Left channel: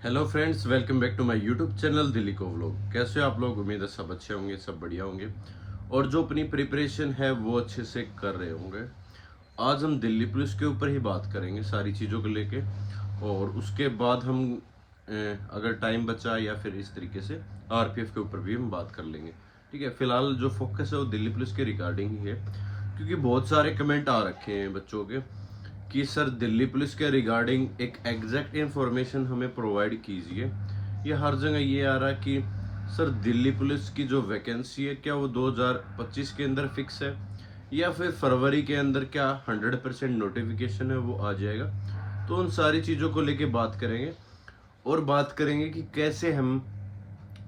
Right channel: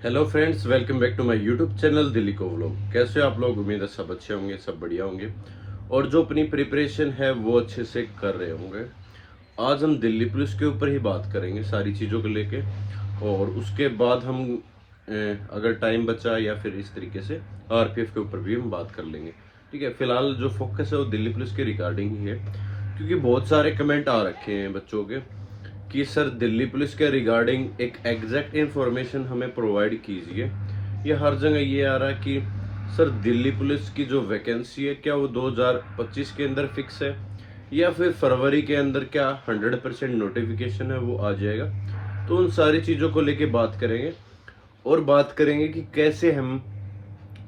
Hello friends, welcome back to my YouTube channel Delhi को vlog. कैसे हो आप लोग? उम्मीद है सब अच्छे होंगे, सब बढ़िया होंगे और जो अपनी प्रिपरेशन है वो अच्छे से कर रहे होंगे। आज हम दिल्ली पुलिस के ऊपर ही बात करेंगे सारी चीज़ों को लेके, और उसके बाद हम अगर टाइम बचा या फिर इस तरीके से आरपीएफ के ऊपर भी हम बात कर लेंगे। ठीक है, फिलहाल जो फोकस है वो दिल्ली पुलिस के रिगार्डिंग ही है, क्योंकि बहुत सारे कमेंट आ रखे हैं बच्चों के कि सर दिल्ली पुलिस के रिगार्डिंग एक एग्जैक्ट इन्फॉर्मेशन हमें प्रोवाइड कीजिए। या हर जगह ये आ रहा है कि सर दिल्ली पुलिस की जो वैकेंसी है क्या वो 2025 के अंदर फिक्स है या फिर फरवरी के अंदर क्या 100% नोटिफिकेशन है वो आ जाएगा। तो उन सारी चीज़ों को लेके बात करेंगे और बात करेंगे कि कैसे हम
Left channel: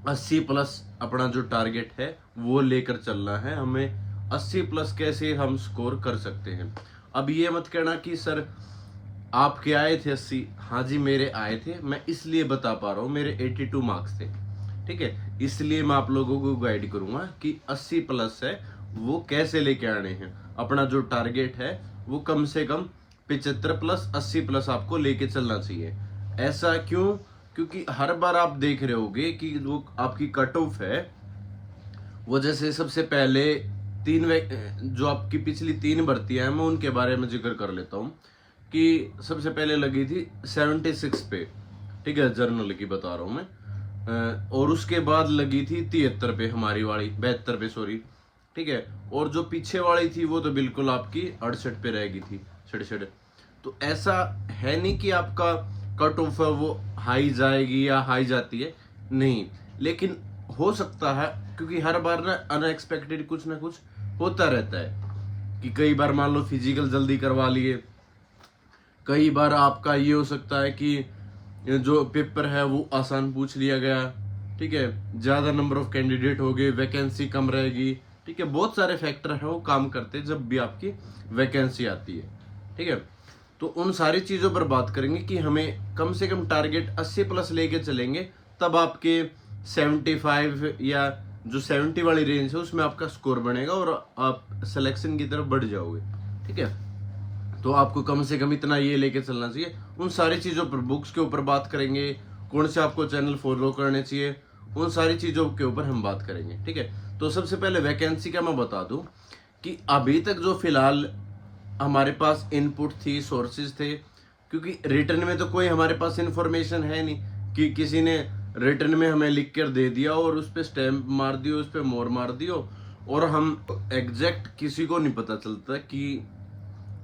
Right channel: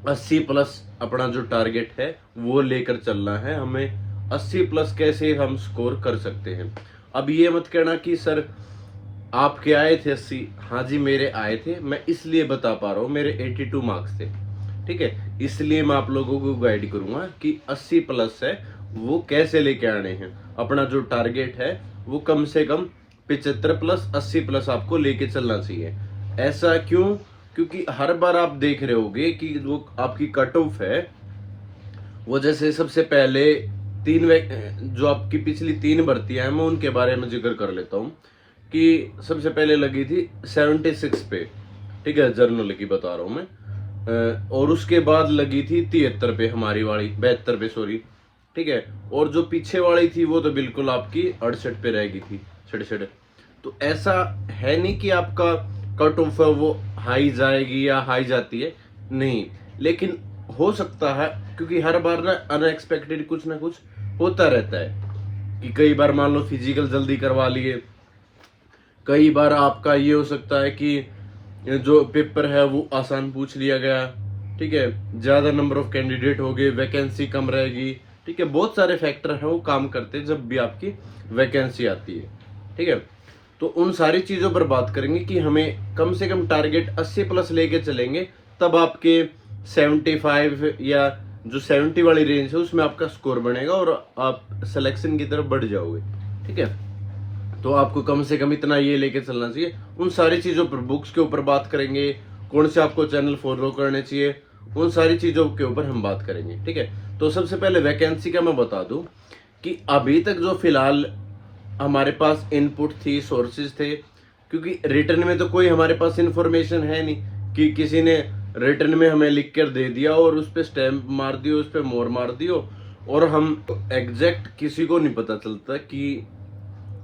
80 प्लस अपना जो टारगेट है वो लेकर चलना है। हमें 80 प्लस कैसे हम स्कोर कर सकते हैं। अब ये मत कहना कि सर आपके आए थे 80। हाँ जी, मेरे आए थे, मैं इसलिए बता पा रहा हूँ मेरे 82 मार्क्स थे। ठीक है, इसलिए मैं आप लोगों को गाइड करूंगा कि 80 प्लस है वो कैसे लेके आने हैं। अपना जो टारगेट है वो कम से कम 75 प्लस 80 प्लस आपको लेके चलना चाहिए। ऐसा क्यों? क्योंकि हर बार आप देख रहे होगे कि वो आपकी कट ऑफ है वो, जैसे सबसे पहले जो आपकी पिछली 3 भर्तियां हैं मैं उनके बारे में जिक्र कर लेता हूँ कि सबसे पहले लगी थी 76 पे। ठीक है, जर्नल की बता रहा हूँ मैं। और उसके बाद लगी थी 73 पे, हमारी वाली 72 पे, सॉरी। ठीक है, और जो पीछे वाली थी वो तो बिल्कुल आपकी 68 पे रह गई थी, 67। तो ऐसा है नहीं कि आपका कट ऑफ है वो हाई जाएगी या हाई जाती है, नहीं। लेकिन हो सकता है, क्योंकि हर बार ना अनएक्सपेक्टेड कुछ ना कुछ होता रहता है कि कई बार मान लो फिजिकल जल्दी करवा लिए, कई बार आपका ये हो सकता है कि जो पेपर है वो आसान पूछ लिया गया। ठीक है, ज्यादा नंबर ऑफ कैंडिडेट हो गए, वैकेंसी कम रहेगी। ठीक है, बहुत सारे फैक्टर हैं वो काम करते हैं जब भी आपकी वैकेंसी आती है। ठीक है, तो उन सारी चीजों पर बात करेंगे कि हमें कम से कम टारगेट 80 प्लस लेके चलेंगे, तब आपके 75 या जो 70 वाली रेंज है उसमें आपका स्कोर बनेगा और आप सिलेक्शन की तरफ बढ़ जाओगे। ठीक है, तो आपको कम से कम इतना ये लेके चलना चाहिए। उन सारी चीज़ों पर, बुक्स के ऊपर बात करेंगे, कौन से आपको चैनल फॉलो करने चाहिए, उन सारी चीज़ों के ऊपर हम बात करेंगे। ठीक है, तो सबसे पहले वैकेंसी का मैं बता दूं कि अभी तक जो फिलहाल हमारे पास इनपुट थी, सोर्सेज थे, क्योंकि रिटर्न में तो कोई हमारे पास इंफॉर्मेशन है नहीं कि किसी ने रिटर्न में हमें लिख कर दे दिया और उस पर स्टैंप मार दियो, उस पर मोहर मार दियो, और हम एग्जैक्ट किसी को नहीं पता चलता कि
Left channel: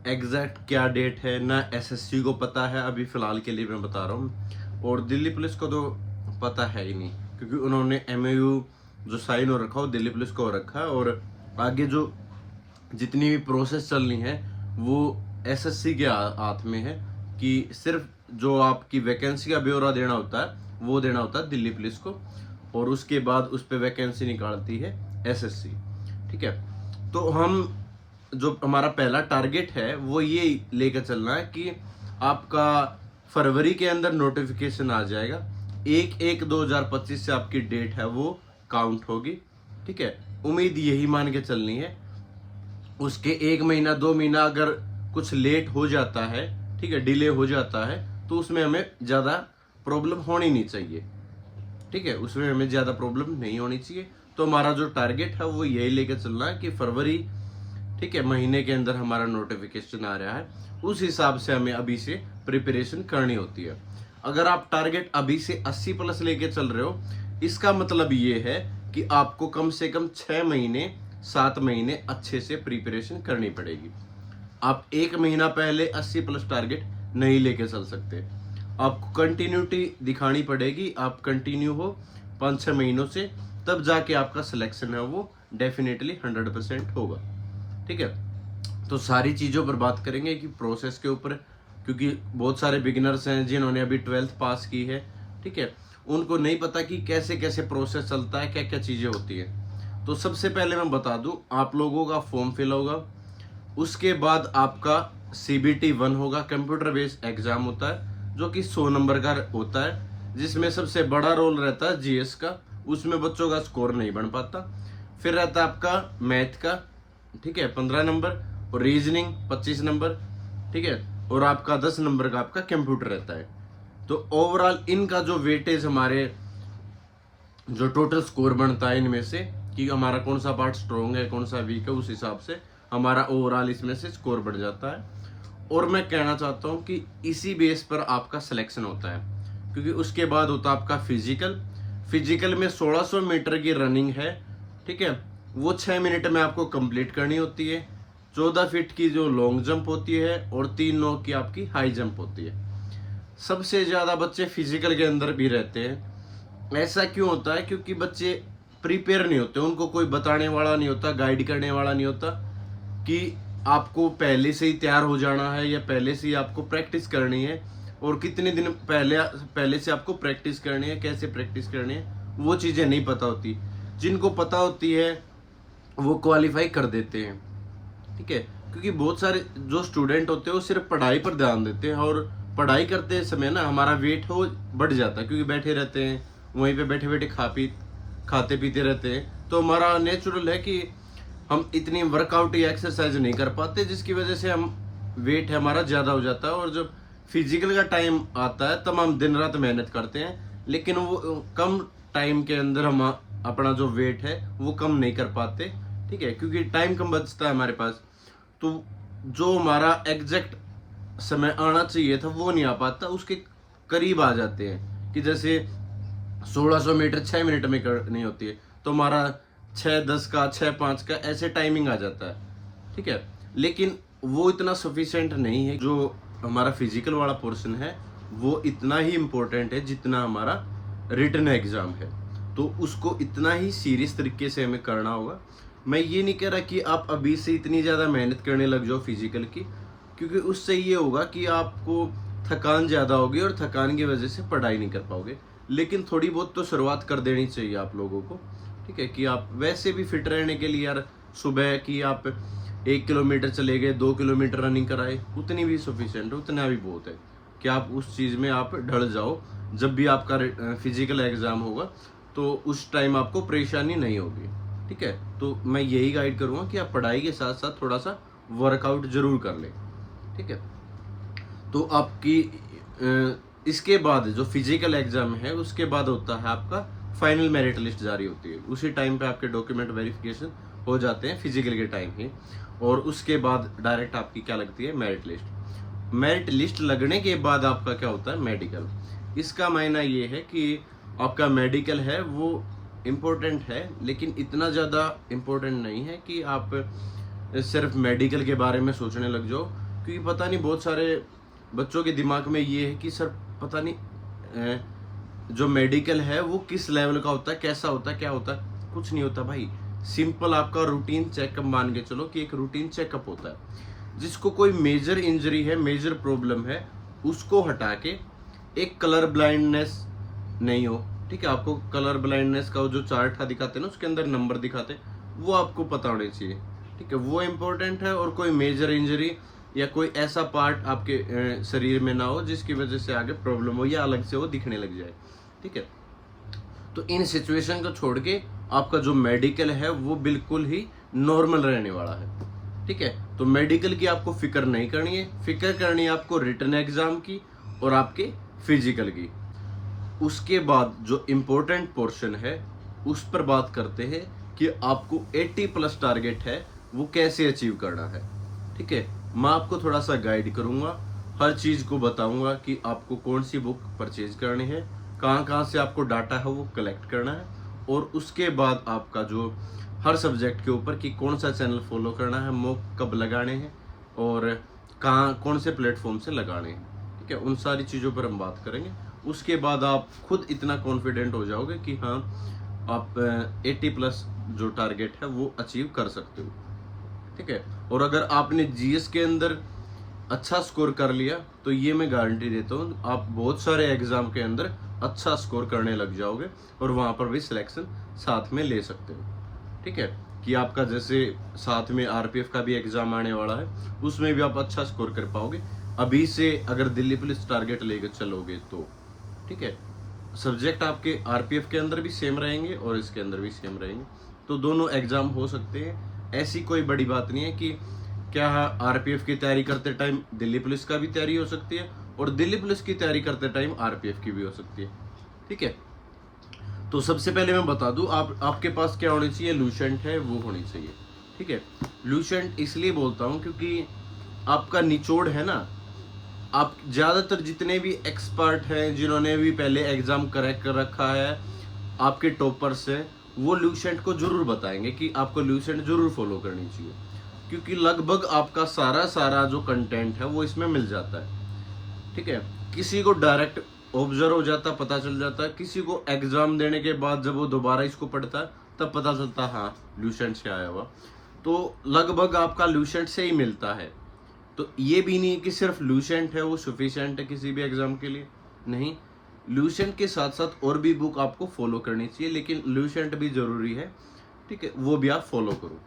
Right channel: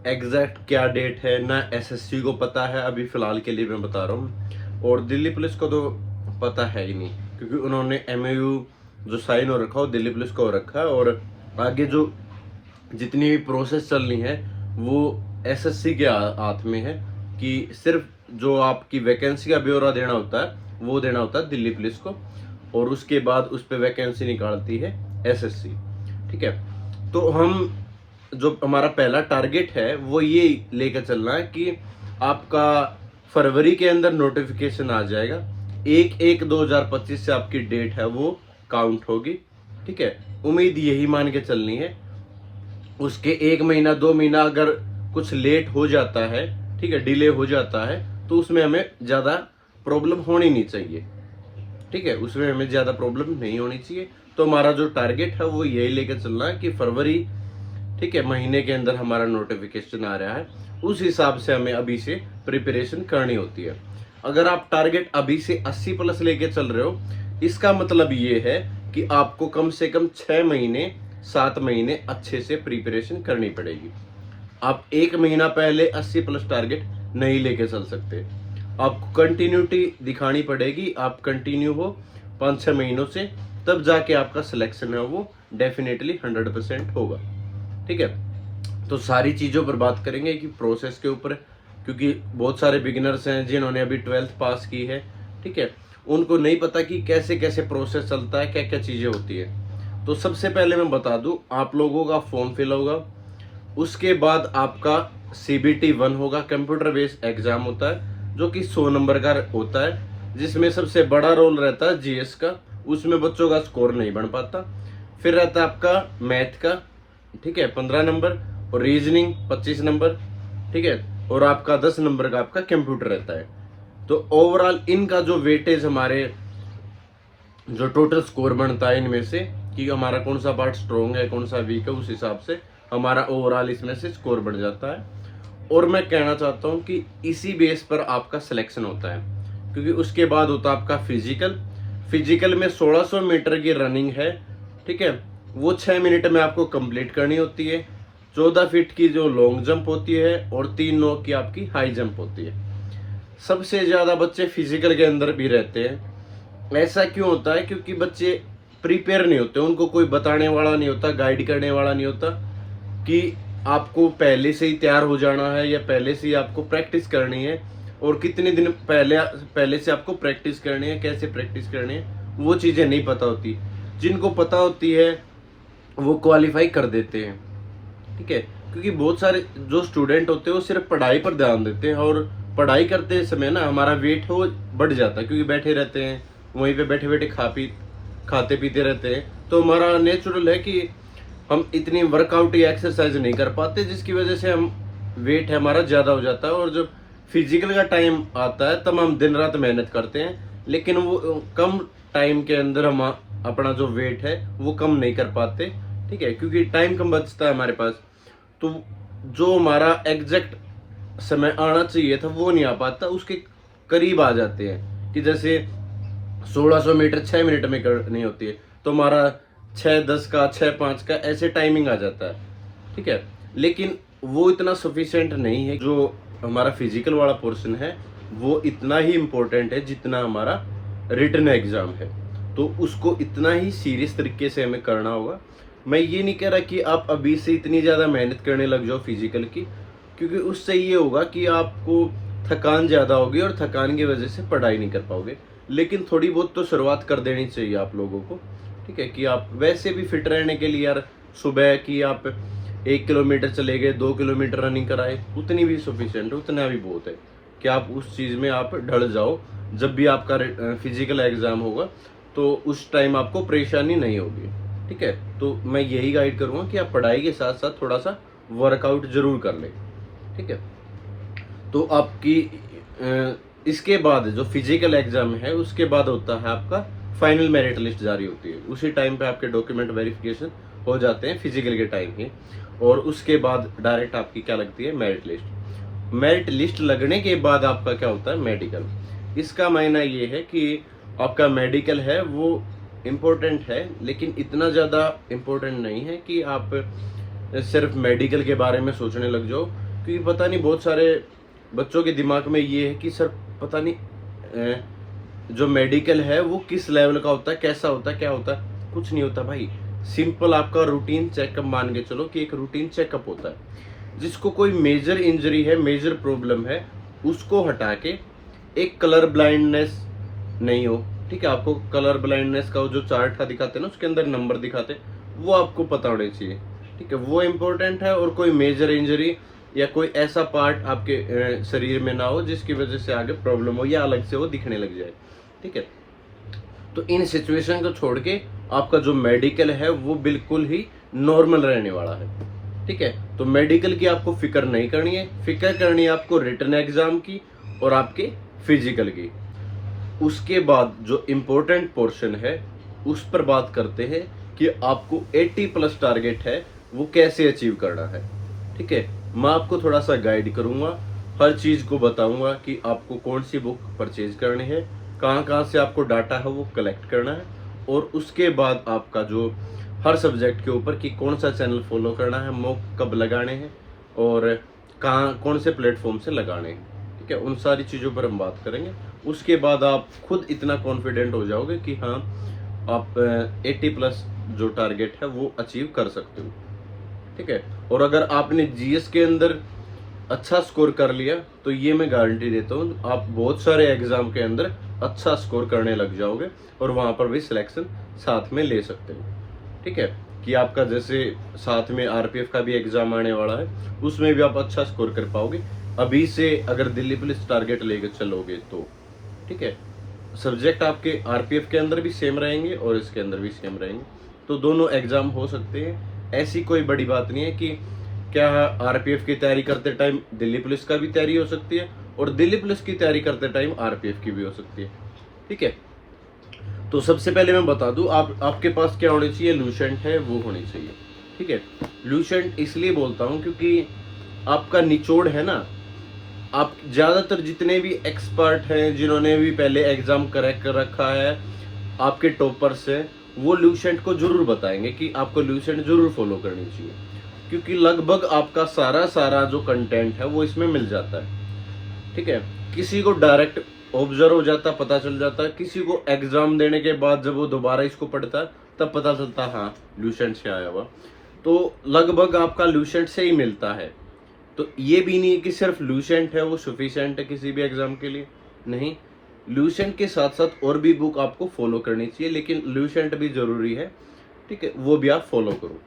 एग्जैक्ट क्या डेट है ना। एसएससी को पता है, अभी फिलहाल के लिए मैं बता रहा हूँ, और दिल्ली पुलिस को तो पता है ही नहीं, क्योंकि उन्होंने एमओयू जो साइन हो रखा हो दिल्ली पुलिस को हो रखा है, और आगे जो जितनी भी प्रोसेस चलनी है वो एसएससी के हाथ में है कि सिर्फ जो आपकी वैकेंसी का ब्यौरा देना होता है वो देना होता है दिल्ली पुलिस को, और उसके बाद उस पर वैकेंसी निकालती है एसएससी। ठीक है, तो हम जो हमारा पहला टारगेट है वो ये लेकर चलना है कि आपका फरवरी के अंदर नोटिफिकेशन आ जाएगा। 1/1/2025 से आपकी डेट है वो काउंट होगी। ठीक है, उम्मीद यही मान के चलनी है। उसके 1 महीना 2 महीना अगर कुछ लेट हो जाता है, ठीक है, डिले हो जाता है, तो उसमें हमें ज़्यादा प्रॉब्लम होनी नहीं चाहिए। ठीक है, उसमें हमें ज़्यादा प्रॉब्लम नहीं होनी चाहिए। तो हमारा जो टारगेट है वो यही लेकर चलना है कि फरवरी, ठीक है, महीने के अंदर हमारा नोटिफिकेशन आ रहा है, उस हिसाब से हमें अभी से प्रिपरेशन करनी होती है। अगर आप टारगेट अभी से 80 प्लस लेके चल रहे हो, इसका मतलब ये है कि आपको कम से कम 6 महीने 7 महीने अच्छे से प्रिपरेशन करनी पड़ेगी। आप 1 महीना पहले 80 प्लस टारगेट नहीं लेके चल सकते। आपको कंटिन्यूटी दिखानी पड़ेगी, आप कंटिन्यू हो 5-6 महीनों से, तब जाके आपका सिलेक्शन है वो डेफिनेटली 100% होगा। ठीक है, तो सारी चीज़ों पर बात करेंगे कि प्रोसेस के ऊपर, क्योंकि बहुत सारे बिगिनर्स हैं जिन्होंने अभी 12th पास की है। ठीक है, उनको नहीं पता कि कैसे कैसे प्रोसेस चलता है, क्या क्या चीज़ें होती है। तो सबसे पहले मैं बता दूं, आप लोगों का फॉर्म फिल होगा, उसके बाद आपका CBT 1 होगा, कंप्यूटर बेस्ड एग्जाम होता है जो कि 100 नंबर का होता है, जिसमें सबसे बड़ा रोल रहता है जीएस का, उसमें बच्चों का स्कोर नहीं बन पाता। फिर रहता है आपका मैथ का, ठीक है, 15 नंबर, और रीजनिंग 25 नंबर। ठीक है, और आपका 10 नंबर का आपका कंप्यूटर रहता है। तो ओवरऑल इनका जो वेटेज हमारे जो टोटल स्कोर बनता है इनमें से कि हमारा कौन सा पार्ट स्ट्रॉन्ग है कौन सा वीक है, उस हिसाब से हमारा ओवरऑल इसमें से स्कोर बढ़ जाता है। और मैं कहना चाहता हूँ कि इसी बेस पर आपका सिलेक्शन होता है, क्योंकि उसके बाद होता है आपका फिजिकल में 1600 मीटर की रनिंग है, ठीक है, वो 6 मिनट में आपको कंप्लीट करनी होती है। 14 फीट की जो लॉन्ग जंप होती है और 3 9 की आपकी हाई जंप होती है। सबसे ज़्यादा बच्चे फिजिकल के अंदर भी रहते हैं। ऐसा क्यों होता है? क्योंकि बच्चे प्रिपेयर नहीं होते, उनको कोई बताने वाला नहीं होता, गाइड करने वाला नहीं होता कि आपको पहले से ही तैयार हो जाना है या पहले से ही आपको प्रैक्टिस करनी है और कितने दिन पहले से आपको प्रैक्टिस करनी है, कैसे प्रैक्टिस करनी है, वो चीज़ें नहीं पता होती। जिनको पता होती है वो क्वालिफाई कर देते हैं, ठीक है। क्योंकि बहुत सारे जो स्टूडेंट होते हैं वो सिर्फ पढ़ाई पर ध्यान देते हैं और पढ़ाई करते समय ना हमारा वेट हो बढ़ जाता है, क्योंकि बैठे रहते हैं वहीं पे, बैठे बैठे खाते पीते रहते हैं। तो हमारा नेचुरल है कि हम इतनी वर्कआउट या एक्सरसाइज नहीं कर पाते, जिसकी वजह से हम वेट है हमारा ज़्यादा हो जाता है। और जब फिजिकल का टाइम आता है तब हम दिन रात मेहनत करते हैं, लेकिन वो कम टाइम के अंदर हम अपना जो वेट है वो कम नहीं कर पाते, ठीक है, क्योंकि टाइम कम बचता है हमारे पास। तो जो हमारा एग्जैक्ट समय आना चाहिए था वो नहीं आ पाता, उसके करीब आ जाते हैं। कि जैसे 1600 मीटर 6 मिनट में करनी होती है तो हमारा 6:10 का 6:05 का ऐसे टाइमिंग आ जाता है, ठीक है। लेकिन वो इतना सफिशिएंट नहीं है। जो हमारा फिजिकल वाला पोर्शन है वो इतना ही इम्पोर्टेंट है जितना हमारा रिटन एग्जाम है। तो उसको इतना ही सीरियस तरीके से हमें करना होगा। मैं ये नहीं कह रहा कि आप अभी से इतनी ज़्यादा मेहनत करने लग जाओ फिजिकल की, क्योंकि उससे ये होगा कि आपको थकान ज़्यादा होगी और थकान की वजह से पढ़ाई नहीं कर पाओगे। लेकिन थोड़ी बहुत तो शुरुआत कर देनी चाहिए आप लोगों को, ठीक है, कि आप वैसे भी फिट रहने के लिए यार सुबह की आप 1 किलोमीटर चले गए, 2 किलोमीटर रनिंग कराए, उतनी भी सफिशिएंट है, उतना भी बहुत है कि आप उस चीज़ में आप ढल जाओ। जब भी आपका फिजिकल एग्ज़ाम होगा तो उस टाइम आपको परेशानी नहीं होगी, ठीक है। तो मैं यही गाइड करूँगा कि आप पढ़ाई के साथ साथ थोड़ा सा वर्कआउट जरूर कर लें, ठीक है। तो आपकी इसके बाद जो फिजिकल एग्जाम है उसके बाद होता है आपका फाइनल मेरिट लिस्ट जारी होती है। उसी टाइम पे आपके डॉक्यूमेंट वेरिफिकेशन हो जाते हैं फिजिकल के टाइम ही, और उसके बाद डायरेक्ट आपकी क्या लगती है, मेरिट लिस्ट। मेरिट लिस्ट लगने के बाद आपका क्या होता है, मेडिकल। इसका मायना ये है कि आपका मेडिकल है वो इम्पोर्टेंट है, लेकिन इतना ज़्यादा इम्पोर्टेंट नहीं है कि आप सिर्फ मेडिकल के बारे में सोचने लग जाओ। क्योंकि पता नहीं बहुत सारे बच्चों के दिमाग में ये है कि सर पता नहीं जो मेडिकल है वो किस लेवल का होता है, कैसा होता है, क्या होता है। कुछ नहीं होता भाई, सिंपल आपका रूटीन चेकअप मान के चलो कि एक रूटीन चेकअप होता है। जिसको कोई मेजर इंजरी है, मेजर प्रॉब्लम है, उसको हटा के एक कलर ब्लाइंडनेस नहीं हो, ठीक है। आपको कलर ब्लाइंडनेस का जो चार्ट दिखाते हैं ना, उसके अंदर नंबर दिखाते, वो आपको पता होने चाहिए, ठीक है, वो इम्पोर्टेंट है। और कोई मेजर इंजरी या कोई ऐसा पार्ट आपके शरीर में ना हो जिसकी वजह से आगे प्रॉब्लम हो या अलग से वो दिखने लग जाए, ठीक है। तो इन सिचुएशन को छोड़ के आपका जो मेडिकल है वो बिल्कुल ही नॉर्मल रहने वाला है, ठीक है। तो मेडिकल की आपको फिक्र नहीं करनी है, फिक्र करनी है आपको रिटन एग्जाम की और आपके फिजिकल की। उसके बाद जो इम्पोर्टेंट पोर्शन है उस पर बात करते हैं कि आपको 80+ टारगेट है वो कैसे अचीव करना है, ठीक है। मैं आपको थोड़ा सा गाइड करूंगा, हर चीज़ को बताऊंगा कि आपको कौन सी बुक परचेज करनी है, कहाँ कहाँ से आपको डाटा है वो कलेक्ट करना है, और उसके बाद आपका जो हर सब्जेक्ट के ऊपर कि कौन सा चैनल फॉलो करना है, मॉक कब लगाने हैं और कहाँ कौन से प्लेटफॉर्म से लगाने हैं, ठीक है। उन सारी चीज़ों पर हम बात करेंगे। उसके बाद आप खुद इतना कॉन्फिडेंट हो जाओगे कि हाँ आप 80+ जो टारगेट है वो अचीव कर सकते हो, ठीक है। और अगर आपने जीएस के अंदर अच्छा स्कोर कर लिया तो ये मैं गारंटी देता हूँ आप बहुत सारे एग्जाम के अंदर अच्छा स्कोर करने लग जाओगे और वहाँ पर भी सिलेक्शन साथ में ले सकते हो, ठीक है। कि आपका जैसे साथ में आरपीएफ का भी एग्जाम आने वाला है, उसमें भी आप अच्छा स्कोर कर पाओगे अभी से अगर दिल्ली पुलिस टारगेट लेकर चलोगे तो, ठीक है। सब्जेक्ट आपके आरपीएफ के अंदर भी सेम रहेंगे और इसके अंदर भी सेम रहेंगे, तो दोनों एग्जाम हो सकते हैं। ऐसी कोई बड़ी बात नहीं है कि क्या आरपीएफ की तैयारी करते टाइम दिल्ली पुलिस का भी तैयारी हो सकती है और दिल्ली पुलिस की तैयारी करते टाइम आरपीएफ की भी हो सकती है। ठीक है, तो सबसे पहले मैं बता दूं, आपके पास क्या होनी चाहिए, लूसेंट है वो होनी चाहिए। ठीक है, लूसेंट इसलिए बोलता हूं क्योंकि आपका निचोड़ है ना, आप ज़्यादातर जितने भी एक्सपर्ट हैं जिन्होंने भी पहले एग्जाम क्रैक कर रखा है, आपके टॉपर से, वो लूसेंट को जरूर बताएंगे कि आपको लूसेंट जरूर फॉलो करनी चाहिए, क्योंकि लगभग आपका सारा सारा जो कंटेंट है वो इसमें मिल जाता है। ठीक है, किसी को डायरेक्ट ऑब्जर्व हो जाता, पता चल जाता है, किसी को एग्जाम देने के बाद जब वो दोबारा इसको पढ़ता है तब पता चलता हाँ लूसेंट से आया हुआ। तो लगभग आपका लूसेंट से ही मिलता है। तो ये भी नहीं है कि सिर्फ लूसेंट है वो सफिशिएंट है किसी भी एग्जाम के लिए, नहीं, लूसेंट के साथ साथ और भी बुक आपको फॉलो करनी चाहिए, लेकिन लूसेंट भी जरूरी है। ठीक है, वो भी आप फॉलो करो,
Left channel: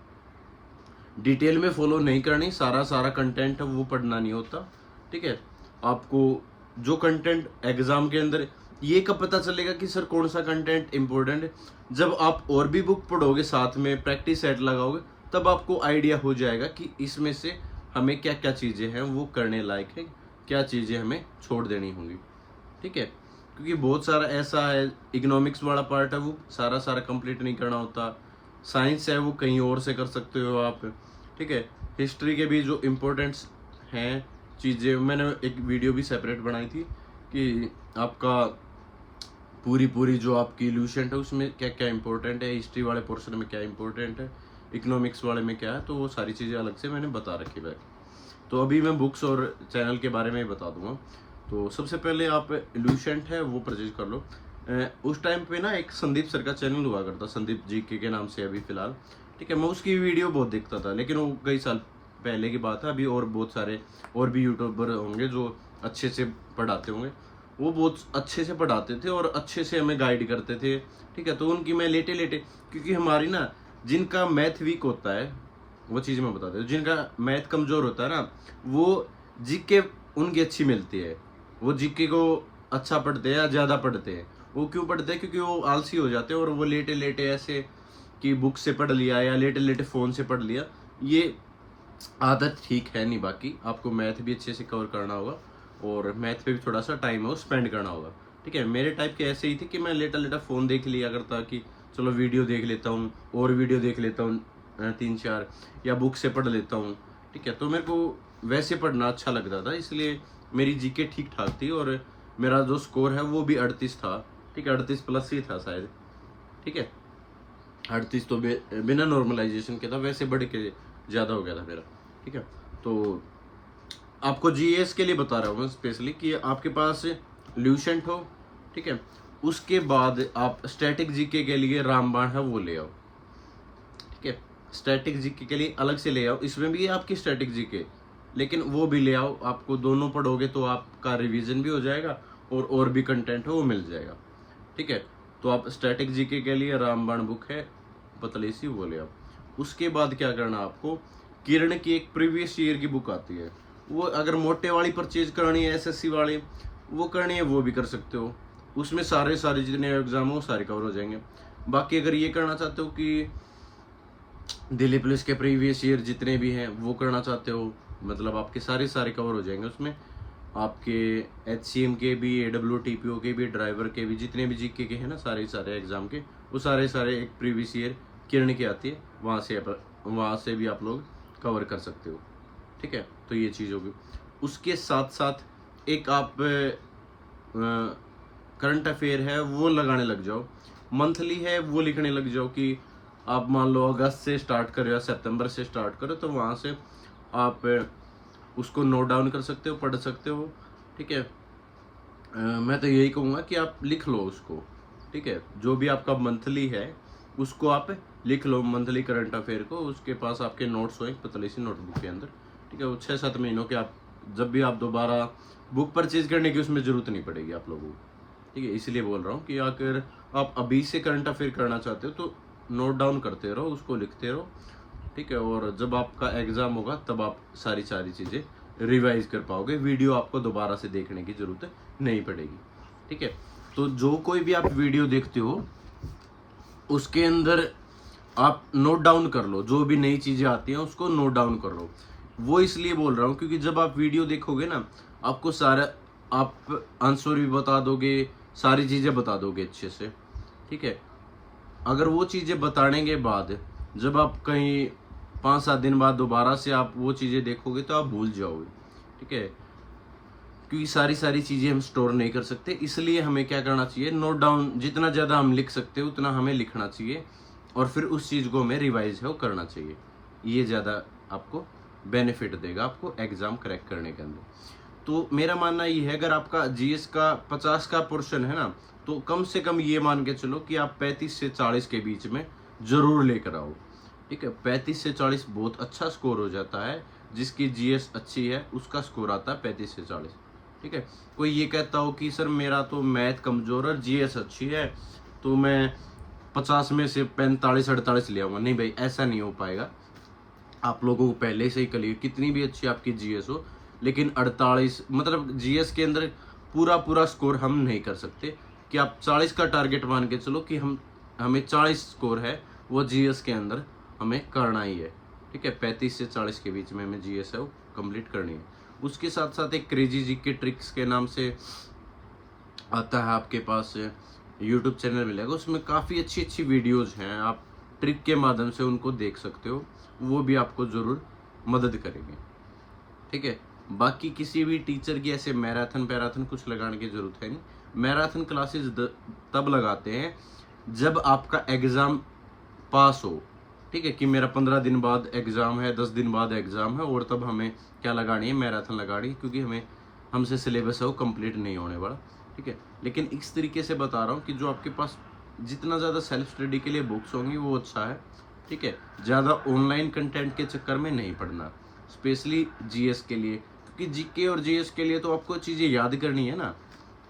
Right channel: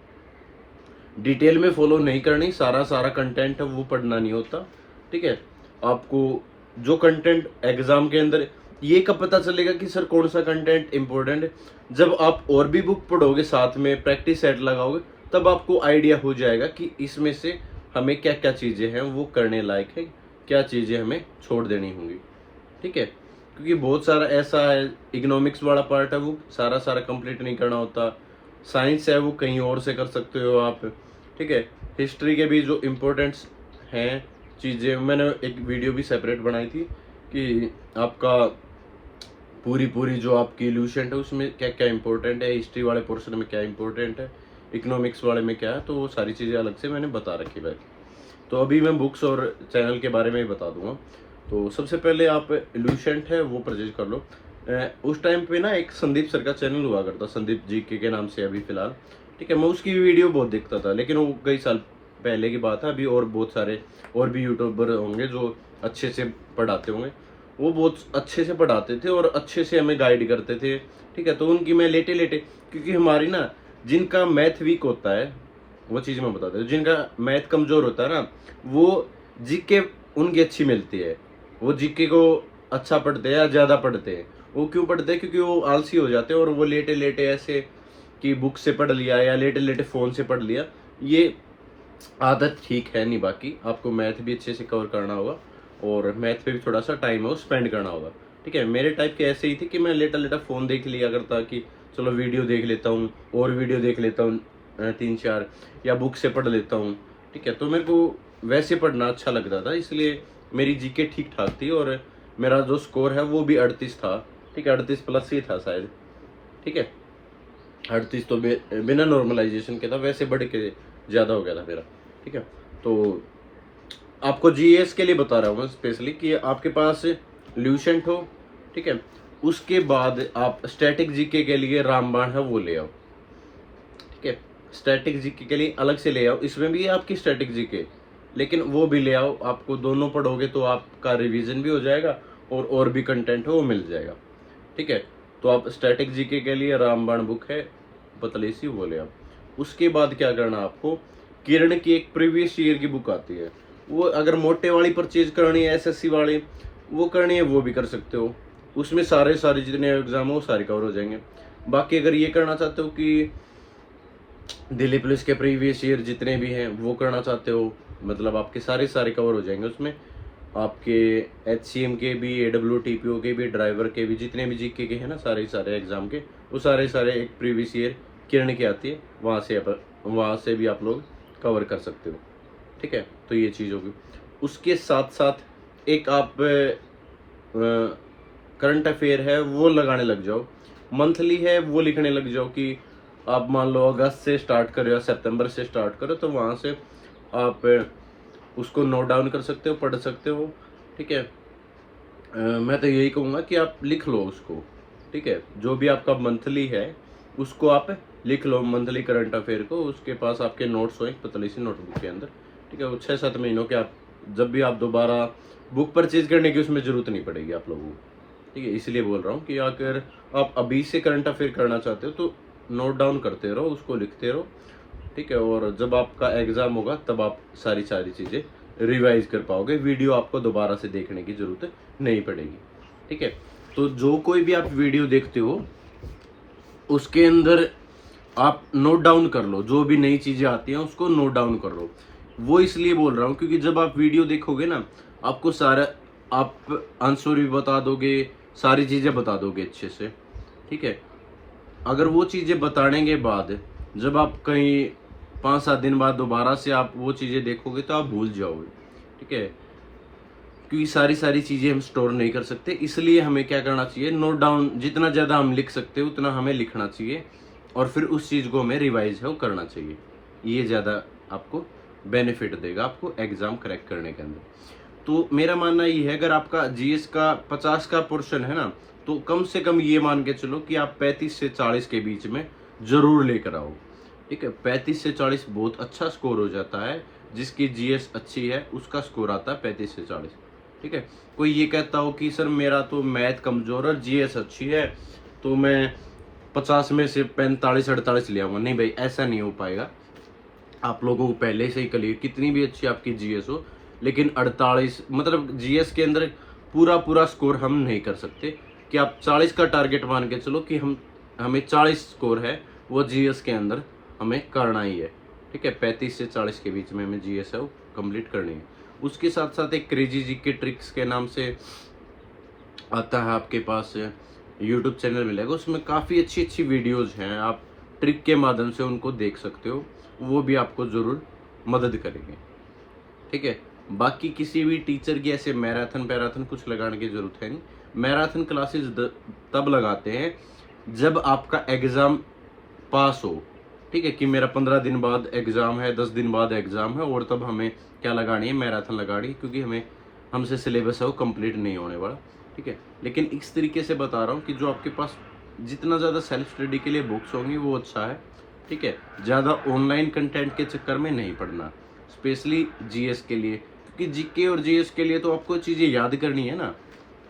डिटेल में फॉलो नहीं करनी, सारा सारा कंटेंट है वो पढ़ना नहीं होता। ठीक है, आपको जो कंटेंट एग्जाम के अंदर, ये कब पता चलेगा कि सर कौन सा कंटेंट इंपॉर्टेंट है, जब आप और भी बुक पढ़ोगे, साथ में प्रैक्टिस सेट लगाओगे, तब आपको आइडिया हो जाएगा कि इसमें से हमें क्या क्या चीज़ें हैं वो करने लायक है, क्या चीज़ें हमें छोड़ देनी होंगी। ठीक है, क्योंकि बहुत सारा ऐसा है, इकोनॉमिक्स वाला पार्ट है वो सारा सारा कंप्लीट नहीं करना होता, साइंस है वो कहीं और से कर सकते हो आप। ठीक है, हिस्ट्री के भी जो इम्पोर्टेंट्स हैं चीज़ें, मैंने एक वीडियो भी सेपरेट बनाई थी कि आपका पूरी जो आपकी लूसेंट है उसमें क्या क्या इंपॉर्टेंट है, हिस्ट्री वाले पोर्शन में क्या इंपॉर्टेंट है, इकोनॉमिक्स वाले में क्या है, तो वो सारी चीज़ें अलग से मैंने बता रखी है। तो अभी मैं बुक्स और चैनल के बारे में ही बता दूंगा। तो सबसे पहले आप लूसेंट है वो परचेज कर लो। उस टाइम पे ना एक संदीप सर का चैनल हुआ करता, संदीप जी के नाम से अभी फिलहाल। ठीक है, मैं उसकी वीडियो बहुत देखता था, लेकिन वो कई साल पहले की बात है। अभी और बहुत सारे और भी यूट्यूबर होंगे जो अच्छे से पढ़ाते होंगे, वो बहुत अच्छे से पढ़ाते थे और अच्छे से हमें गाइड करते थे। ठीक है, तो उनकी मैं लेटे क्योंकि हमारी ना, जिनका मैथ वीक होता है वो चीज़ मैं बताता हूँ, जिनका मैथ कमज़ोर होता है ना, वो जीके उनकी अच्छी मिलती है, वो जीके को अच्छा पढ़ते हैं या ज़्यादा पढ़ते हैं। वो क्यों पढ़ते हैं, क्योंकि वो आलसी हो जाते हैं और वो लेटे ऐसे कि बुक से पढ़ लिया या लेटे फ़ोन से पढ़ लिया, ये आदत ठीक है नहीं। बाकी आपको मैथ भी अच्छे से कवर करना होगा और मैथ पे भी थोड़ा सा टाइम है वो स्पेंड करना होगा। ठीक है, मेरे टाइप के ऐसे ही थी कि मैं लेटा फ़ोन देख लिया करता कि चलो वीडियो देख लेता हूँ और वीडियो देख लेता हूँ 3-4, या बुक से पढ़ लेता हूँ। ठीक है, तो मेरे को वैसे पढ़ना अच्छा लगता था, इसलिए मेरी जीके ठीक ठाक थी और मेरा जो स्कोर है वो भी 38 था। ठीक है, 38 प्लस ही था शायद। ठीक है, 38 तो बिना नॉर्मलाइजेशन के था, वैसे बढ़ के ज़्यादा हो गया था मेरा। ठीक है, तो आपको जीएस के लिए बता रहा हूँ मैं स्पेशली कि आपके पास ल्यूसेंट हो। ठीक है, उसके बाद आप स्टैटिक जीके के लिए रामबाण है वो ले आओ। ठीक है, स्टैटिक जीके के लिए अलग से ले आओ, इसमें भी है आपकी स्टैटिक जीके, लेकिन वो भी ले आओ। आपको दोनों पढ़ोगे तो आपका रिवीजन भी हो जाएगा और भी कंटेंट हो वो मिल जाएगा। ठीक है, तो आप स्टैटिक जीके के लिए रामबाण बुक है पतली सी, वो ले आओ। उसके बाद क्या करना आपको, किरण की एक प्रीवियस ईयर की बुक आती है, वो अगर मोटे वाली परचेज करनी है, एसएससी वाली वो करनी है, वो भी कर सकते हो। उसमें सारे जितने एग्जाम हो सारे कवर हो जाएंगे। बाकी अगर ये करना चाहते हो कि दिल्ली पुलिस के प्रीवियस ईयर जितने भी हैं वो करना चाहते हो, मतलब आपके सारे कवर हो जाएंगे उसमें। आपके एचसीएम के भी, एडब्ल्यूटीपीओ के भी, ड्राइवर के भी, जितने भी जीके के हैं ना सारे एग्जाम के, वो सारे एक प्रीवियस ईयर किरण की आती है, वहाँ से भी आप लोग कवर कर सकते हो। ठीक है, तो ये चीज़ होगी। उसके साथ साथ एक आप करंट अफेयर है वो लगाने लग जाओ, मंथली है वो लिखने लग जाओ कि आप मान लो अगस्त से स्टार्ट करो या सितंबर से स्टार्ट करो, तो वहाँ से आप उसको नोट डाउन कर सकते हो, पढ़ सकते हो। ठीक है, मैं तो यही कहूँगा कि आप लिख लो उसको। ठीक है, जो भी आपका मंथली है उसको आप लिख लो, मंथली करंट अफेयर को, उसके पास आपके नोट्स हो एक पतली सी नोटबुक के अंदर। ठीक है, वो 6-7 महीनों के, आप जब भी आप दोबारा बुक परचेज करने की उसमें ज़रूरत नहीं पड़ेगी आप लोगों को। ठीक है, इसलिए बोल रहा हूँ कि अगर आप अभी से करंट अफेयर करना चाहते हो तो नोट डाउन करते रहो, उसको लिखते रहो। ठीक है, और जब आपका एग्ज़ाम होगा तब आप सारी चीज़ें रिवाइज कर पाओगे, वीडियो आपको दोबारा से देखने की ज़रूरत नहीं पड़ेगी। ठीक है, तो जो कोई भी आप वीडियो देखते हो उसके अंदर आप नोट डाउन कर लो, जो भी नई चीज़ें आती हैं उसको नोट डाउन कर लो। वो इसलिए बोल रहा हूँ क्योंकि जब आप वीडियो देखोगे ना, आपको सारा आप आंसर भी बता दोगे, सारी चीज़ें बता दोगे अच्छे से, ठीक है। अगर वो चीज़ें बताने के बाद जब आप कहीं 5-7 दिन बाद दोबारा से आप वो चीज़ें देखोगे तो आप भूल जाओगे, ठीक है। क्योंकि सारी चीज़ें हम स्टोर नहीं कर सकते, इसलिए हमें क्या करना चाहिए, नोट डाउन जितना ज़्यादा हम लिख सकते हैं उतना हमें लिखना चाहिए, और फिर उस चीज़ को हमें रिवाइज है वो करना चाहिए। ये ज़्यादा आपको बेनिफिट देगा आपको एग्ज़ाम क्रैक करने के अंदर। तो मेरा मानना ये है, अगर आपका जीएस का 50 का पोर्शन है ना, तो कम से कम ये मान के चलो कि आप 35 से 40 के बीच में ज़रूर लेकर आओ, ठीक है। 35 से 40 बहुत अच्छा स्कोर हो जाता है, जिसकी जीएस अच्छी है उसका स्कोर आता है 35 से 40, ठीक है। कोई ये कहता हो कि सर मेरा तो मैथ कमज़ोर और जीएस अच्छी है, तो मैं 50 में से 45-48 ले आऊँगा। नहीं भाई, ऐसा नहीं हो पाएगा। आप लोगों को पहले से ही क्लियर, कितनी भी अच्छी आपकी जीएस हो, लेकिन 48 मतलब जीएस के अंदर पूरा स्कोर हम नहीं कर सकते। कि आप 40 का टारगेट मान के चलो कि हमें 40 स्कोर है वो जीएस के अंदर हमें करना ही है, ठीक है। 35 से 40 के बीच में हमें जीएस है वो कंप्लीट करनी है। उसके साथ साथ एक क्रेजी जी के ट्रिक्स के नाम से आता है आपके पास यूट्यूब चैनल मिलेगा, उसमें काफ़ी अच्छी वीडियोज़ हैं, आप ट्रिक के माध्यम से उनको देख सकते हो, वो भी आपको ज़रूर मदद करेंगे, ठीक है। बाकी किसी भी टीचर की ऐसे मैराथन पैराथन कुछ लगाने की ज़रूरत है नहीं। मैराथन क्लासेस तब लगाते हैं जब आपका एग्ज़ाम पास हो, ठीक है, कि मेरा 15 दिन बाद एग्ज़ाम है, 10 दिन बाद एग्ज़ाम है, और तब हमें क्या लगानी है, मैराथन लगानी है, क्योंकि हमसे सिलेबस है वो कंप्लीट नहीं होने वाला, ठीक है। लेकिन इस तरीके से बता रहा हूँ कि जो आपके पास जितना ज़्यादा सेल्फ स्टडी के लिए बुक्स होंगी वो अच्छा है, ठीक है। ज़्यादा ऑनलाइन कंटेंट के चक्कर में नहीं पढ़ना, स्पेशली जीएस के लिए, क्योंकि जीके और जीएस के लिए तो आपको चीज़ें याद करनी है ना,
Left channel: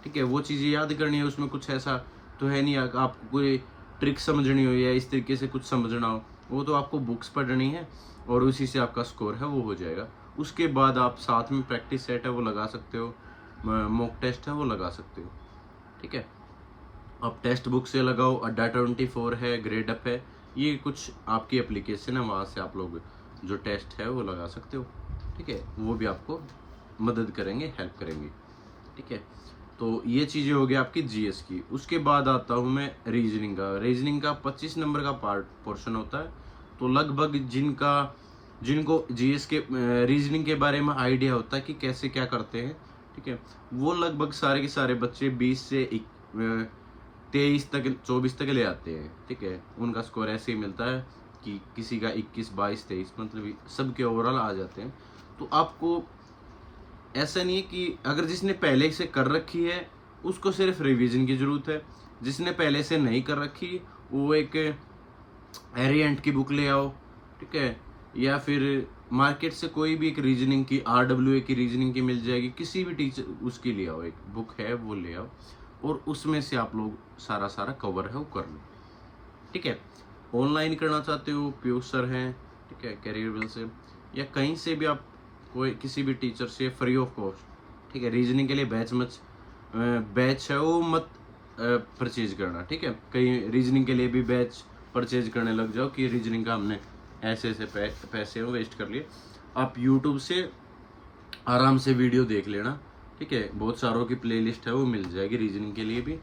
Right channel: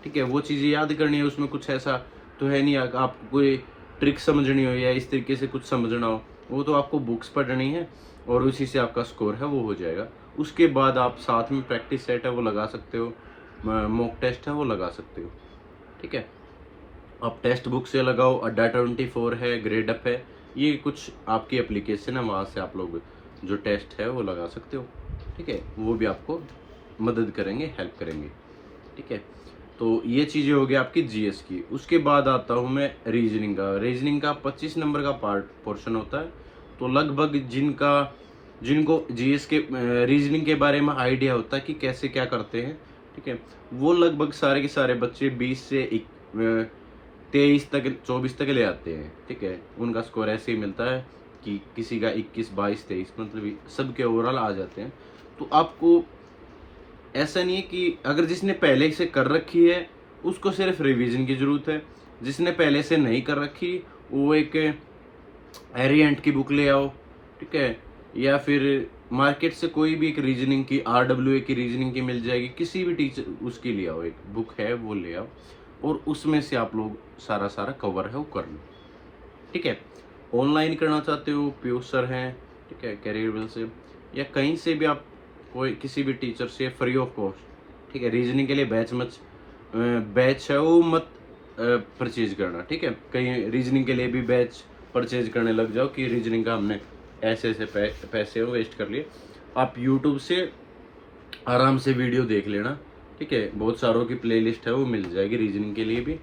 ठीक है। वो चीज़ें याद करनी है, उसमें कुछ ऐसा तो है नहीं आपको कोई ट्रिक समझनी हो या इस तरीके से कुछ समझना हो, वो तो आपको बुक्स पढ़नी है और उसी से आपका स्कोर है वो हो जाएगा। उसके बाद आप साथ में प्रैक्टिस सेट है वो लगा सकते हो, मॉक टेस्ट है वो लगा सकते हो, ठीक है। आप टेक्स्ट बुक से लगाओ, अड्डा 24 है, ग्रेड अप है, ये कुछ आपकी एप्लीकेशन है, वहाँ से आप लोग जो टेस्ट है वो लगा सकते हो, ठीक है। वो भी आपको मदद करेंगे, हेल्प करेंगे, ठीक है। तो ये चीज़ें हो गई आपकी जीएस की। उसके बाद आता हूँ मैं रीजनिंग का। रीजनिंग का 25 नंबर का पोर्शन होता है, तो लगभग जिनको जीएस के रीजनिंग के बारे में आइडिया होता है कि कैसे क्या करते हैं, ठीक है, वो लगभग सारे के सारे बच्चे 20 से 23 तक 24 तक ले आते हैं, ठीक है। उनका स्कोर ऐसे ही मिलता है कि किसी का 21, 22, 23 मतलब सबके ओवरऑल आ जाते हैं। तो आपको ऐसा नहीं है कि अगर जिसने पहले से कर रखी है उसको सिर्फ रिवीजन की ज़रूरत है, जिसने पहले से नहीं कर रखी वो एक एरिएंट की बुक ले आओ, ठीक है, या फिर मार्केट से कोई भी एक रीजनिंग की आरडब्ल्यूए की रीजनिंग की मिल जाएगी, किसी भी टीचर उसकी ले आओ, एक बुक है वो ले आओ, और उसमें से आप लोग सारा कवर है वो कर लो, ठीक है। ऑनलाइन करना चाहते हो, पीयूष सर हैं, ठीक है, कैरियरवेल से या कहीं से भी आप कोई किसी भी टीचर से फ्री ऑफ कॉस्ट, ठीक है। रीजनिंग के लिए बैच है वो मत परचेज करना, ठीक है। कहीं रीजनिंग के लिए भी बैच परचेज करने लग जाओ कि रीजनिंग का हमने ऐसे पैसे वेस्ट कर लिए। आप यूट्यूब से आराम से वीडियो देख लेना, ठीक है, बहुत सारों की प्लेलिस्ट है वो मिल जाएगी रीजनिंग के लिए भी,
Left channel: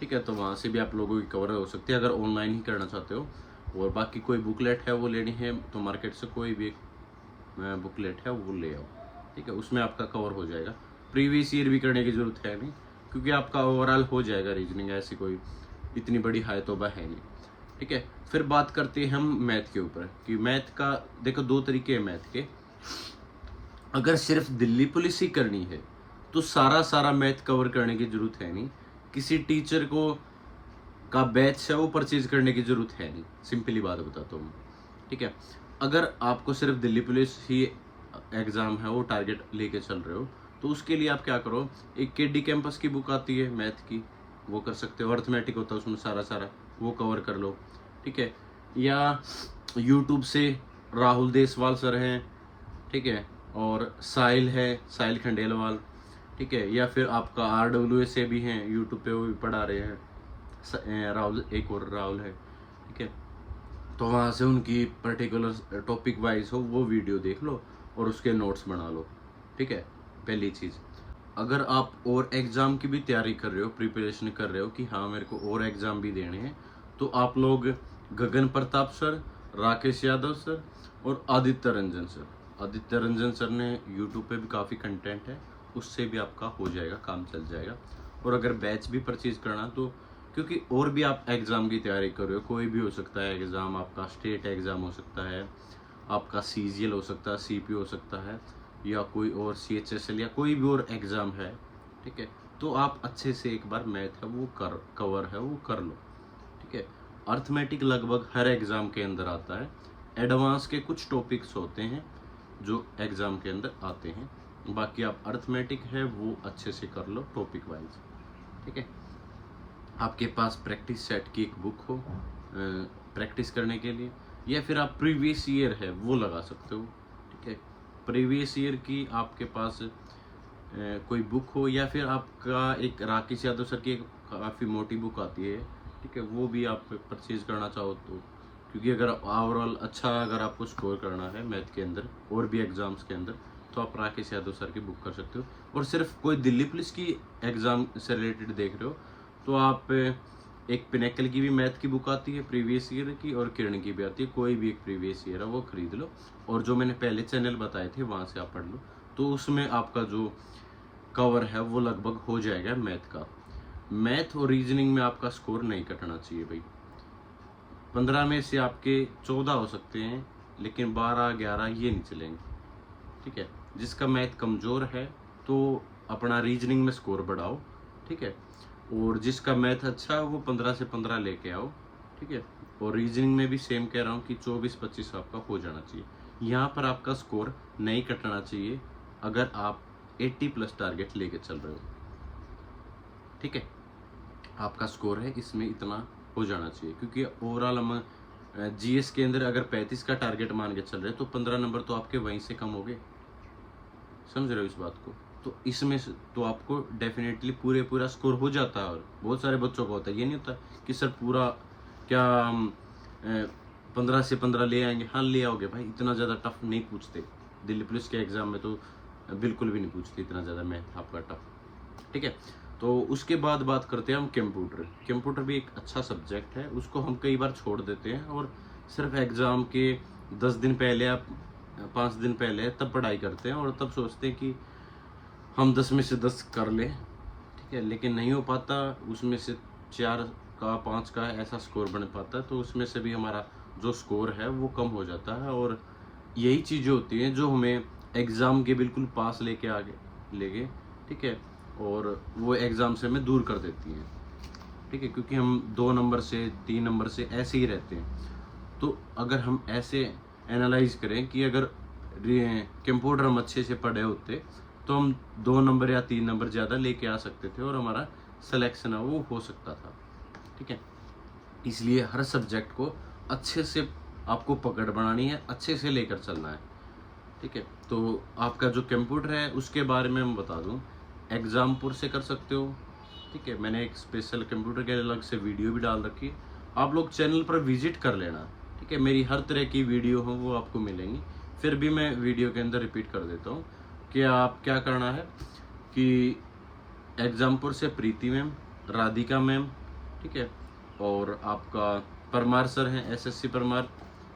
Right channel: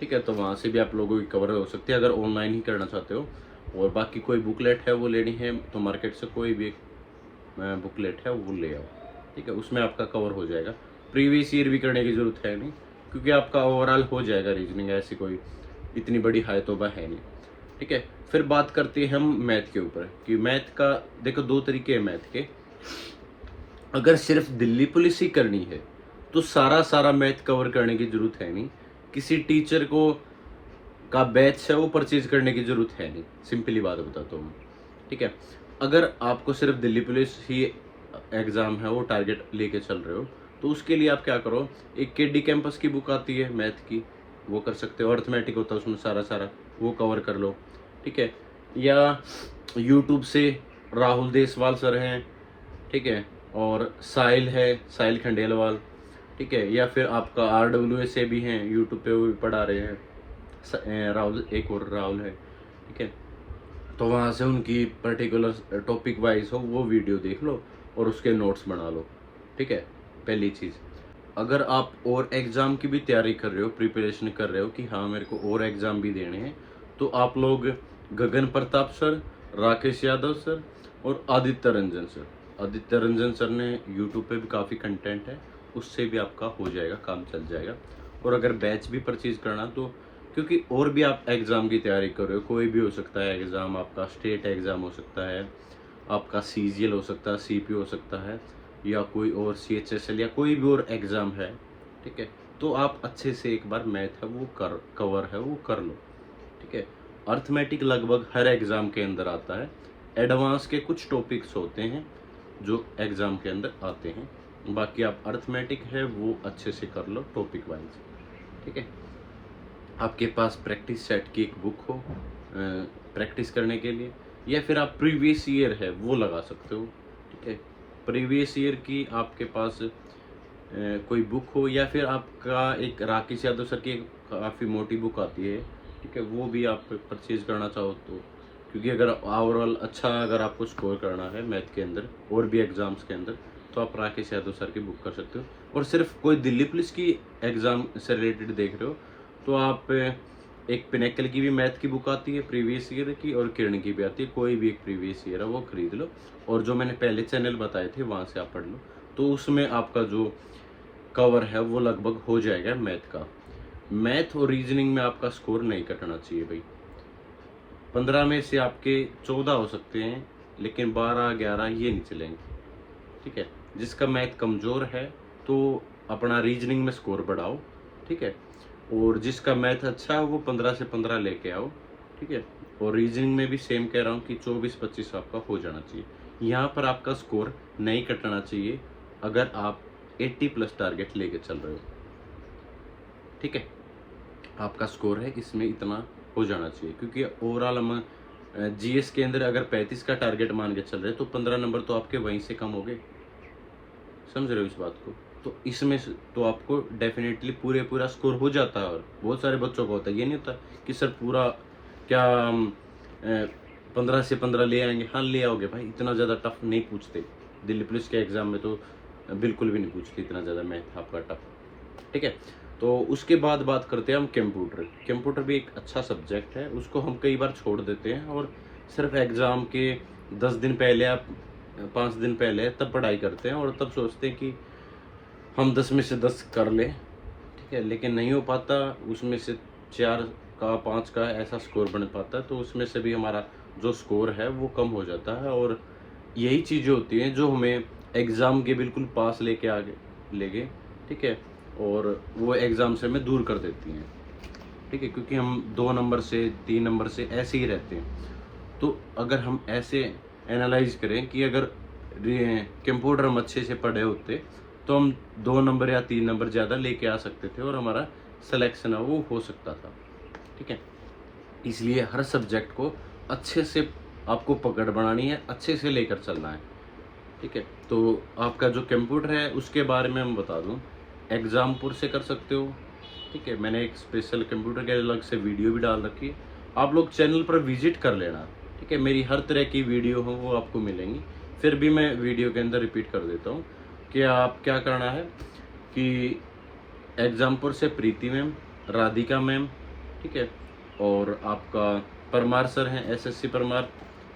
ठीक है। तो वहाँ से भी आप लोगों की कवर हो सकती है अगर ऑनलाइन ही करना चाहते हो। और बाकी कोई बुकलेट है वो लेनी है तो मार्केट से कोई भी एक बुकलेट है वो ले आओ, ठीक है, उसमें आपका कवर हो जाएगा। प्रीवियस ईयर भी करने की ज़रूरत है नहीं, क्योंकि आपका ओवरऑल हो जाएगा रीजनिंग, ऐसी कोई इतनी बड़ी हाई तोबा है नहीं, ठीक है। फिर बात करते हैं हम मैथ के ऊपर कि मैथ का देखो दो तरीके हैं मैथ के। अगर सिर्फ दिल्ली पुलिस ही करनी है तो सारा मैथ कवर करने की ज़रूरत है नहीं, किसी टीचर को का बैच है वो परचेज करने की ज़रूरत है नहीं, सिंपली बात बताता हूँ, ठीक है। अगर आपको सिर्फ दिल्ली पुलिस ही एग्ज़ाम है वो टारगेट लेके चल रहे हो, तो उसके लिए आप क्या करो, एक केडी कैंपस की बुक आती है मैथ की, वो कर सकते हो, अर्थमेटिक होता है उसमें सारा वो कवर कर लो, ठीक है। या यूट्यूब से राहुल देसवाल सर हैं, ठीक है, और साहिल है, साहिल खंडेलवाल, ठीक है, या फिर आपका आरडब्ल्यूए से भी हैं यूट्यूब पे, वो भी पढ़ा रहे हैं, राहुल, एक और राहुल है, ठीक है। तो वहाँ से उनकी पर्टिकुलर टॉपिक वाइज हो वो वीडियो देख लो और उसके नोट्स बना लो, ठीक है, पहली चीज़। अगर आप और एग्ज़ाम की भी तैयारी कर रहे हो, प्रिपरेशन कर रहे हो कि हाँ मेरे को और एग्ज़ाम भी देने हैं, तो आप लोग गगन प्रताप सर, राकेश यादव सर और आदित्य रंजन सर, आदित्य रंजन सर ने यूट्यूब पे भी काफ़ी कंटेंट है, उससे भी आपका हो जाएगा, काम चल जाएगा। और अगर बैच भी परचेज करना तो, क्योंकि और भी आप एग्ज़ाम की तैयारी कर रहे हो, कोई भी हो सकता है एग्ज़ाम, आपका स्टेट एग्ज़ाम हो सकता है, आपका सीजीएल हो सकता है, सीपी हो सकता है, या कोई और सीएचएसएल या कोई भी और एग्ज़ाम है, ठीक है, तो आप अच्छे से एक बार मैथ है वो कवर है वो कर लो, ठीक है। अर्थमेटिक लगभग हर एग्ज़ाम के अंदर आता है, एडवांस के कुछ टॉपिक्स होते हैं जो एग्ज़ाम के अंदर आते हैं, बाकी आप अर्थमेटिक है वो अच्छे से कर लो टॉपिक वाइज, ठीक है। आपके पास प्रैक्टिस सेट की एक बुक हो प्रैक्टिस करने के लिए, या फिर आप प्रीवियस ईयर है वो लगा सकते हो, ठीक है। प्रीवियस ईयर की आपके पास कोई बुक हो, या फिर आपका एक राकेश यादव सर की एक काफ़ी मोटी बुक आती है, ठीक है, वो भी आप परचेज करना चाहो तो, क्योंकि अगर ओवरऑल अच्छा अगर आपको स्कोर करना है मैथ के अंदर और भी एग्ज़ाम्स के अंदर, तो आप राकेश यादव सर की बुक कर सकते हो। और सिर्फ कोई दिल्ली पुलिस की एग्ज़ाम से रिलेटेड देख रहे हो तो आप एक पिनेकल की भी मैथ की बुक आती है प्रीवियस ईयर की, और किरण की भी आती है, कोई भी एक प्रीवियस ईयर है वो खरीद लो। और जो मैंने पहले चैनल बताए थे वहाँ से आप पढ़ लो, तो उसमें आपका जो कवर है वो लगभग हो जाएगा मैथ का। मैथ और रीजनिंग में आपका स्कोर नहीं कटना चाहिए भाई। 15 में से आपके 14 हो सकते हैं, लेकिन 12-11 ये नहीं चलेंगे, ठीक है। जिसका मैथ कमज़ोर है तो अपना रीजनिंग में स्कोर बढ़ाओ, ठीक है। और जिसका मैथ अच्छा है वो 15 से 15 लेके आओ, ठीक है। और रीजनिंग में भी सेम कह रहा हूँ कि 24-25 आपका हो जाना चाहिए। यहाँ पर आपका स्कोर नहीं कटना चाहिए अगर आप 80+ टारगेट लेके चल रहे हो, ठीक है। आपका स्कोर है इसमें इतना हो जाना चाहिए, क्योंकि ओवरऑल हम जीएस के अंदर अगर 35 का टारगेट मान के चल रहे हैं तो 15 नंबर तो आपके वहीं से कम हो गए, समझ रहे हो इस बात को। तो इसमें तो आपको डेफिनेटली पूरा स्कोर हो जाता है, और बहुत सारे बच्चों को होता है, ये नहीं होता कि सर पूरा क्या 15 से 15 ले आएंगे। हाँ ले आओगे भाई, इतना ज़्यादा टफ नहीं पूछते दिल्ली पुलिस के एग्ज़ाम में, तो बिल्कुल भी नहीं पूछते इतना ज़्यादा मैथ आपका टफ, ठीक है। तो उसके बाद बात करते हैं हम कंप्यूटर। कंप्यूटर भी एक अच्छा सब्जेक्ट है, उसको हम कई बार छोड़ देते हैं और सिर्फ एग्ज़ाम के 10 दिन पहले या 5 दिन पहले तब पढ़ाई करते हैं, और तब सोचते हैं कि हम 10 में से 10 कर लें, ठीक है, लेकिन नहीं हो पाता। उसमें से 4 का 5 का ऐसा स्कोर बन पाता है, तो उसमें से भी हमारा जो स्कोर है वो कम हो जाता है। और यही चीज़ें होती हैं जो हमें एग्ज़ाम के बिल्कुल पास लेके आगे ले गए, ठीक है, और वो एग्ज़ाम से हमें दूर कर देती हैं, ठीक है, क्योंकि हम 2 नंबर से 3 नंबर से ऐसे ही रहते हैं। तो अगर हम ऐसे एनालाइज करें कि अगर कंप्यूटर हम अच्छे से पढ़े होते तो हम 2 नंबर या 3 नंबर ज़्यादा लेके आ सकते थे और हमारा सिलेक्शन है वो हो सकता था, ठीक है। इसलिए हर सब्जेक्ट को अच्छे से आपको पकड़ बनानी है, अच्छे से लेकर चलना है, ठीक है। तो आपका जो कंप्यूटर है उसके बारे में मैं बता दूं, एग्ज़ामपुर से कर सकते हो, ठीक है। मैंने एक स्पेशल कंप्यूटर के अलग से वीडियो भी डाल रखी है, आप लोग चैनल पर विजिट कर लेना, ठीक है। मेरी हर तरह की वीडियो हो वो आपको मिलेंगी। फिर भी मैं वीडियो के अंदर रिपीट कर देता हूँ कि आप क्या करना है कि एग्ज़ामपुर से प्रीति मैम, राधिका मैम, ठीक है, और आपका परमार सर हैं, एसएससी परमार,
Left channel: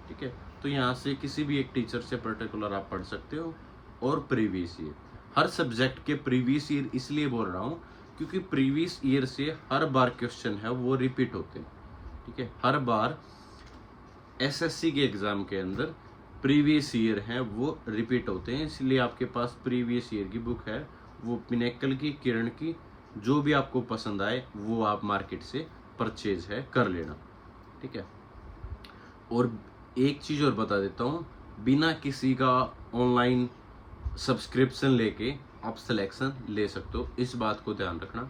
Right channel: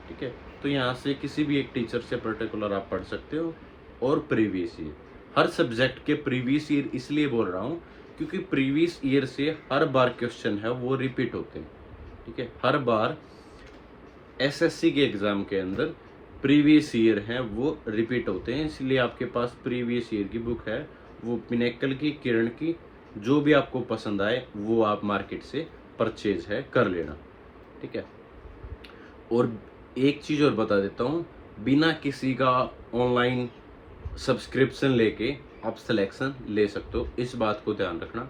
ठीक है। तो यहाँ से किसी भी एक टीचर से पर्टिकुलर आप पढ़ सकते हो। और प्रीवियस ईयर, हर सब्जेक्ट के प्रीवियस ईयर इसलिए बोल रहा हूँ क्योंकि प्रीवियस ईयर से हर बार क्वेश्चन है वो रिपीट होते हैं, ठीक है। हर बार एसएससी के एग्ज़ाम के अंदर प्रीवियस ईयर हैं वो रिपीट होते हैं, इसलिए आपके पास प्रीवियस ईयर की बुक है, वो पिनेकल की, किरण की, जो भी आपको पसंद आए वो आप मार्केट से परचेज है कर लेना, ठीक है। और एक चीज़ और बता देता हूँ, बिना किसी का ऑनलाइन सब्सक्रिप्शन लेके आप सिलेक्शन ले सकते हो, इस बात को ध्यान रखना।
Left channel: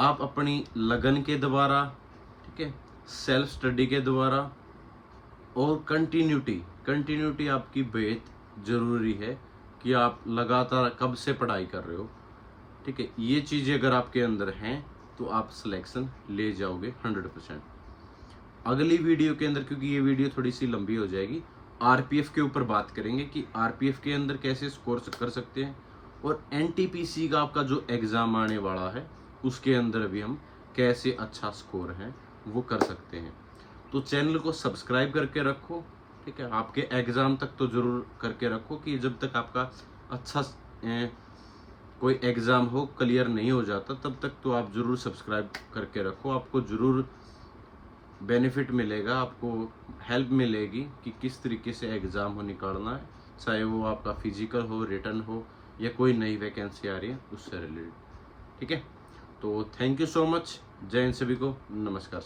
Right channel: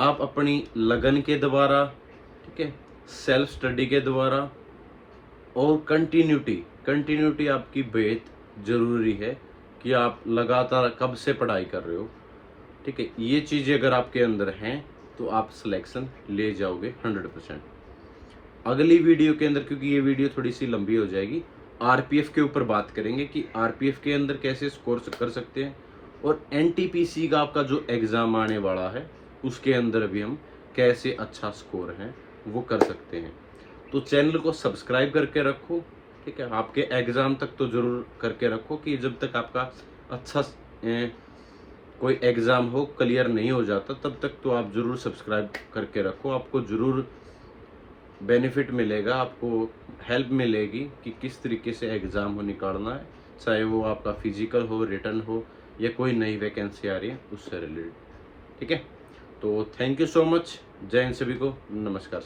आप अपनी लगन के द्वारा, ठीक है, सेल्फ स्टडी के द्वारा और कंटिन्यूटी आपकी बेहद ज़रूरी है कि आप लगातार कब से पढ़ाई कर रहे हो, ठीक है। ये चीज़ें अगर आपके अंदर हैं तो आप सिलेक्शन ले जाओगे 100%। अगली वीडियो के अंदर, क्योंकि ये वीडियो थोड़ी सी लंबी हो जाएगी, आरपीएफ के ऊपर बात करेंगे कि आरपीएफ के अंदर कैसे स्कोर कर सकते हैं और NTPC का आपका जो एग्ज़ाम आने वाला है उसके अंदर भी हम कैसे अच्छा स्कोर है वो कर सकते हैं। तो चैनल को सब्सक्राइब करके रखो, ठीक है। आपके एग्ज़ाम तक तो ज़रूर करके रखो कि जब तक आपका अच्छा कोई एग्ज़ाम हो क्लियर नहीं हो जाता तब तक तो आप ज़रूर सब्सक्राइब करके रखो। आपको ज़रूर बेनिफिट मिलेगा, आपको हेल्प मिलेगी कि किस तरीके से एग्ज़ाम हो निकालना है, चाहे वो आपका फिजिकल हो, रिटन हो या कोई नई वैकेंसी आ रही है उससे रिलेटेड, ठीक है। तो थैंक यू सो मच, जय हिंद सभी को, नमस्कार सभी।